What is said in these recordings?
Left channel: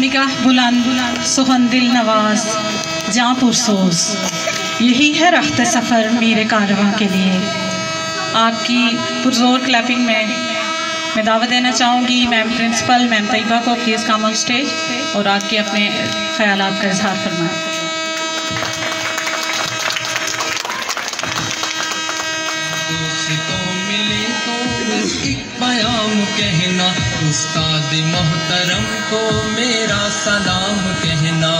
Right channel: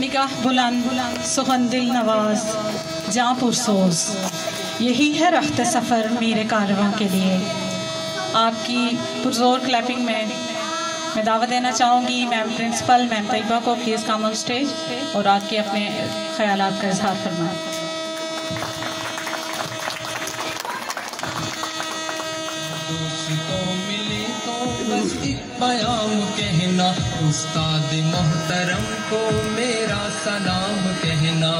निगाह बुलंद सुखन दिल नवाज जाँ पुरसोज, यही है रख्त सफ़र मेरे कारवां के लिए। आपकी पुरजोर क्लैपिंग में मैं दावत देना चाहूँगी मैम प्रिंसिपल मैम तैयबा को, प्लीज़ कम ऑन स्टेज और आके अपने ख्यालात का इजहार फरमाएं। उस्ताद मोहतरम को मेरा सलाम कहना,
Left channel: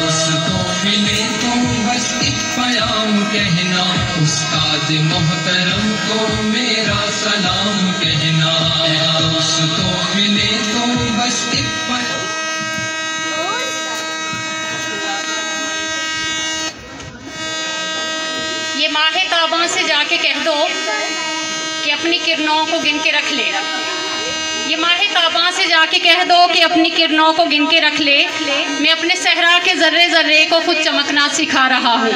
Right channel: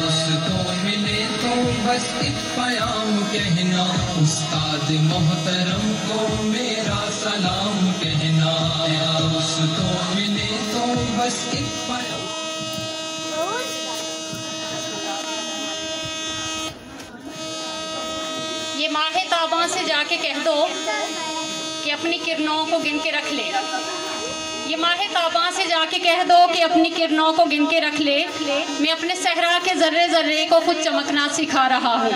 दोस्तों मिले तो बस एक प्याम कहना, उस्ताद मोहतरम को मेरा सलाम कहना, दोस्तों मिले तो बस एक ये माहे ताबा से जाके कह दो कि अपनी किरणों को गिन के रख ले। ये माहे ताबा से जाके कह दो कि अपनी किरणों को गिन के रख ले। मैं अपने सहरा के जर्रे जर्रे को खुद चमकना सिखा रहा हूँ।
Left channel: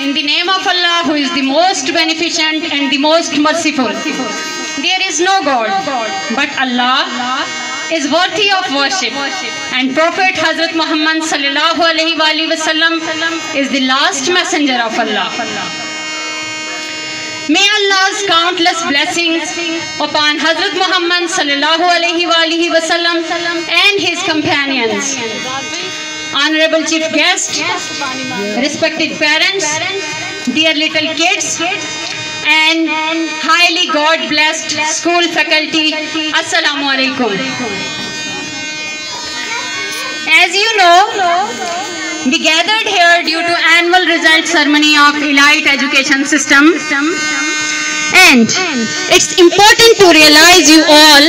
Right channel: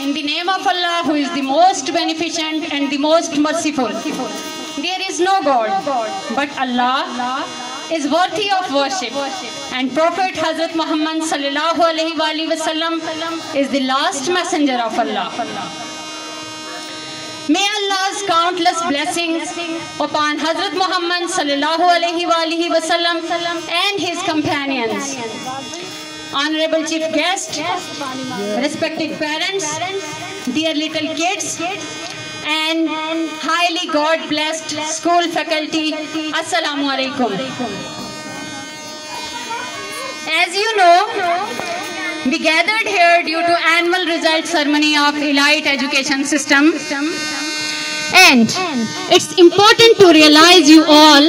In the name of Allah, who is the most beneficent and the most merciful, there is no God but Allah is worthy of worship, and Prophet Hazrat Muhammad sallallahu alaihi wasallam is the last messenger of Allah. May Allah's countless blessings upon Hazrat Muhammad sallallahu alaihi wasallam and his companions, honorable chief guest, respected parents, dear little kids, and highly God blessed school faculty, Assalamu alaikum. As you know, we gathered here due to annual result ceremony of Elite Education System, and it's important to realize you all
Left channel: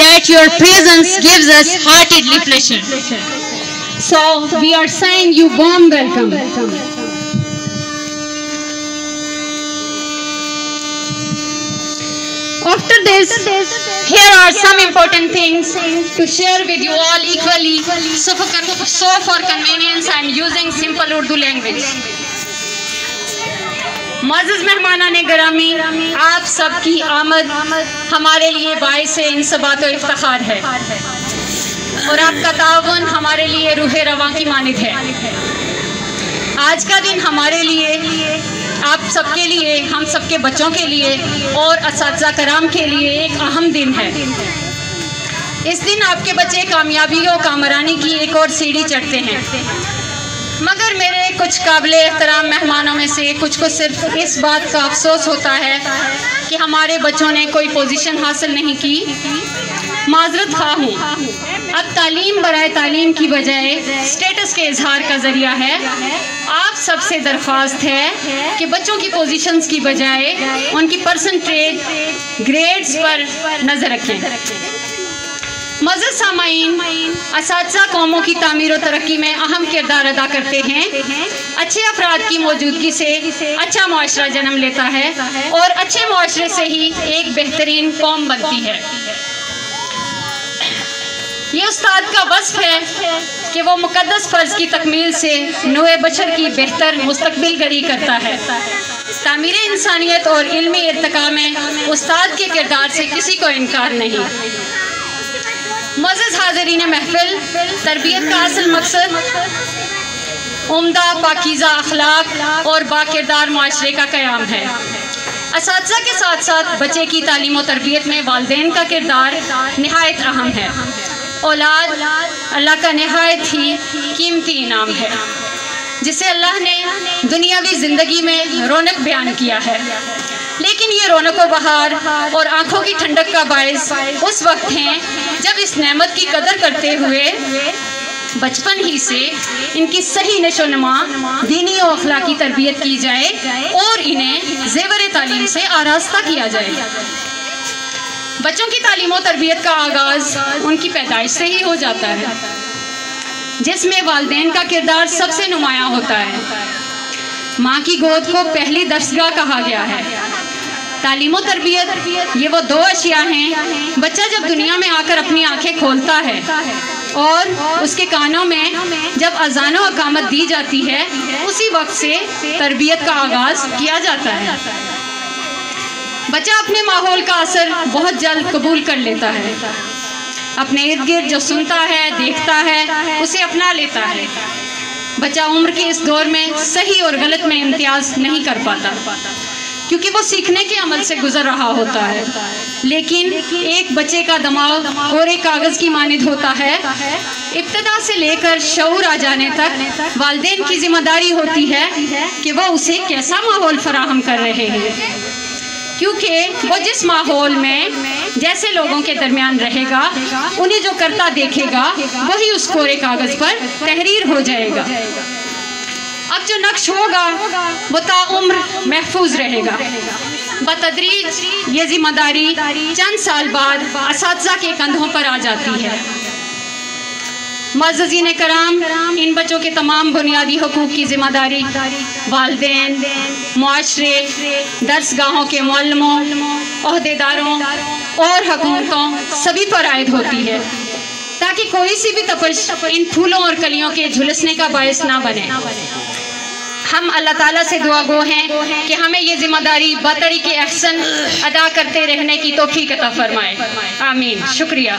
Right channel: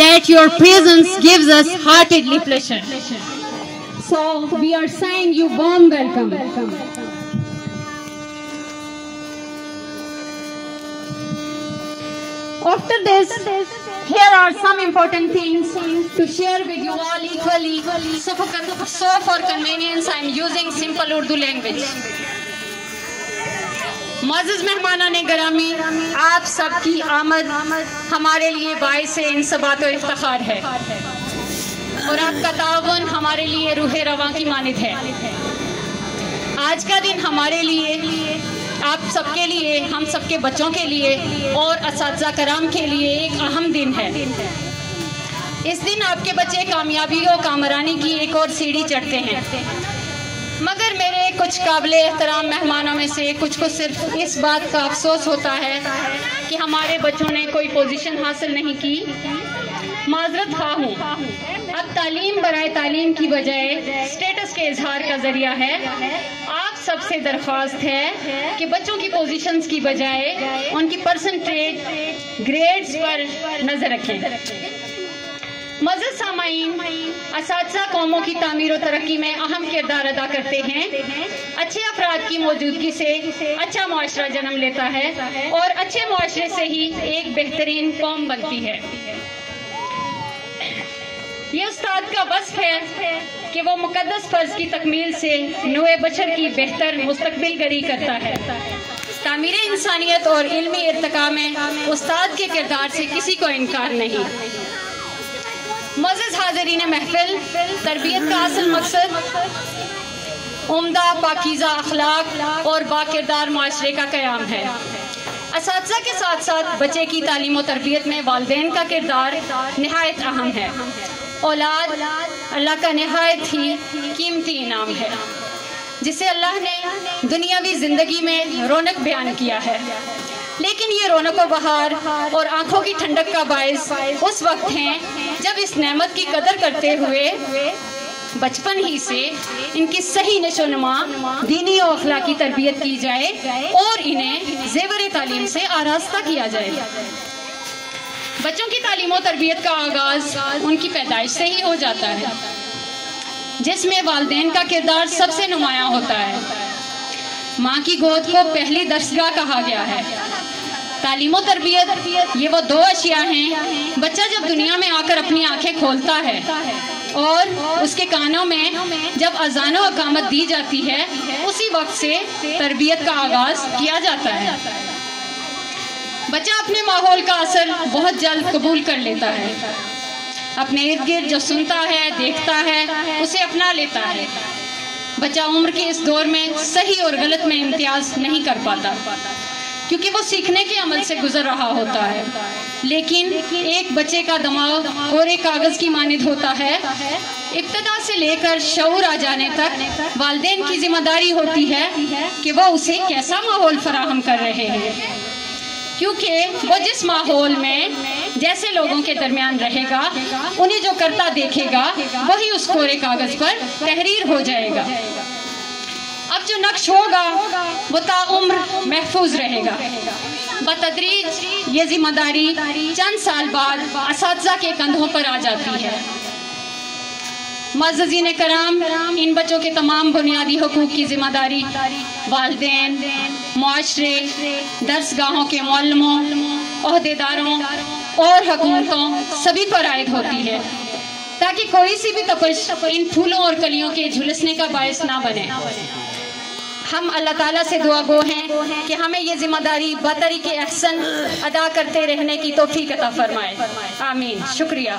that your presence gives us heartedly pleasure. So we are saying you warm welcome. After this, here are some important things to share with you all equally. So for convenience, I am using simple Urdu language. मुअज़्ज़िज़ मेहमानाने गिरामी, आप सबकी आमद हमारे लिए बाइस इंसबात व इफ्तिखार है और आपका ताउन हमारे लिए रूहे रवां की मानिद है। आज का दिन हमारे लिए, आप सबके लिए, हम सबके बच्चों के लिए और असातिज़ा कराम के लिए एक अहम दिन है। इस दिन आपके बच्चे कामयाबी और कामरानी की एक और सीढ़ी चढ़ते हैं। मगर मेरे कुछ काबिले एहतराम मेहमानों में से कुछ को सिर्फ इस बात का अफसोस होता है कि हमारे बच्चों ने कोई पोजीशन हासिल नहीं की। माजरत खा हूँ, अब तालीम बराए तालीम की बजाय स्टेटस के इजहार का जरिया है। आप सबसे दरख्वास्त है कि बच्चों की पोजीशंस की बजाय उनकी परसेंटेज ग्रेड्स पर नज़र रखें। मज़ीद सामाईन, असातिज़ा कौमों की तामीर और तरक्की में अहम किरदार अदा करते हैं। अच्छे अफराद की मौजूदगी से अच्छा मुआशरा जन्म लेता है और अच्छे मुआशरे से ही एक बेहतरीन कौम बनती है। ये उस्ताद का वस्फ़ है कि वो मुक़द्दस फ़र्ज़ की तकमील से नूए बशर की बेहतर मुस्तक़बिल गरी करता है। तामीर इंसानियत और इल्मी इर्तिक़ा में उस्ताद के किरदार से किसी को इनकार नहीं। मुअज़्ज़िज़ हाज़रीन महफ़िल, तरबियत का असल मकसद उम्दा पाकीज़ा अखलाक और बाकिरदार मुआशरे का क़याम है। असातिज़ा के साथ साथ बच्चे की तालीम और तरबियत में वालिदैन का किरदार निहायत अहम है। औलाद अल्लाह का निहायत ही कीमती इनाम है, जिसे अल्लाह ने दुनियावी ज़िंदगी में रौनक बयान किया है। लेकिन ये रौनक व बहार और आँखों की ठंडक का बायस उस वक्त हैं जब इस नेमत की कदर करते हुए बचपन ही से इनकी सही नशोनुमा दीनी और अखलाकी तरबियत की जाए और इन्हें ज़ेवर तालीम से आरास्ता किया जाए। बच्चों की तालीम और तरबियत का आगाज़ उनकी पैदाइश से ही हो जाता है, जिसमें वालिदैन का किरदार सबसे नुमायाँ होता है। माँ की गोद को पहली दरसगाह कहा गया है। तालीम और तरबियत ये वो दो अशिया हैं। बच्चा जब दुनिया में आकर अपनी आंखें खोलता है और उसके कानों में जब अज़ान और अकामत दी जाती है, उसी वक्त से तरबियत का आगाज़ किया जाता है। बच्चा अपने माहौल का असर बहुत जल्द कबूल कर लेता है। अपने इर्द गिर्द जो सुनता है, देखता है, उसे अपना लेता है। बच्चा उम्र के इस दौर में सही और गलत में इम्तियाज नहीं कर पाता, क्योंकि वो सीखने के अमल से गुजर रहा होता है। लेकिन एक बच्चे का दिमाग कोरे कागज की मानिंद होता है। इब्तिदा से लेकर शऊर आ जाने तक वालिदैन की जिम्मेदारी होती है कि वो उसे कैसा माहौल फराहम कर रहे हैं, क्योंकि वो जिस माहौल में जैसे लोगों के दरमियान रहेगा, उन्हें जो करता देखेगा वही उस कोरे कागज पर तहरीर हो जाएगा। अब जो नक्श होगा वो ताउम्र महफूज रहेगा। बतदरीज ये जिम्मेदारी चंद साल बाद असातिज़ा के कंधों पर आ जाती है। मुअज़्ज़िज़ीन कराम, इन बच्चों के तमाम बुनियादी हुकूक की जिम्मेदारी वालिदैन, मुआशरे, दर्सगाहों के मुअल्लिमों, ओहदेदारों और हुकूमतों सभी पर आयद होती है, ताकि कोई सी भी तपश इन फूलों और कलियों के झुलसने का बायस ना बने। हम अल्लाह ताला से दुआ गो हैं कि हमें ये जिम्मेदारी बतरीके अहसन अदा करते रहने की तौफीक अता फरमाए। आमीन। शुक्रिया।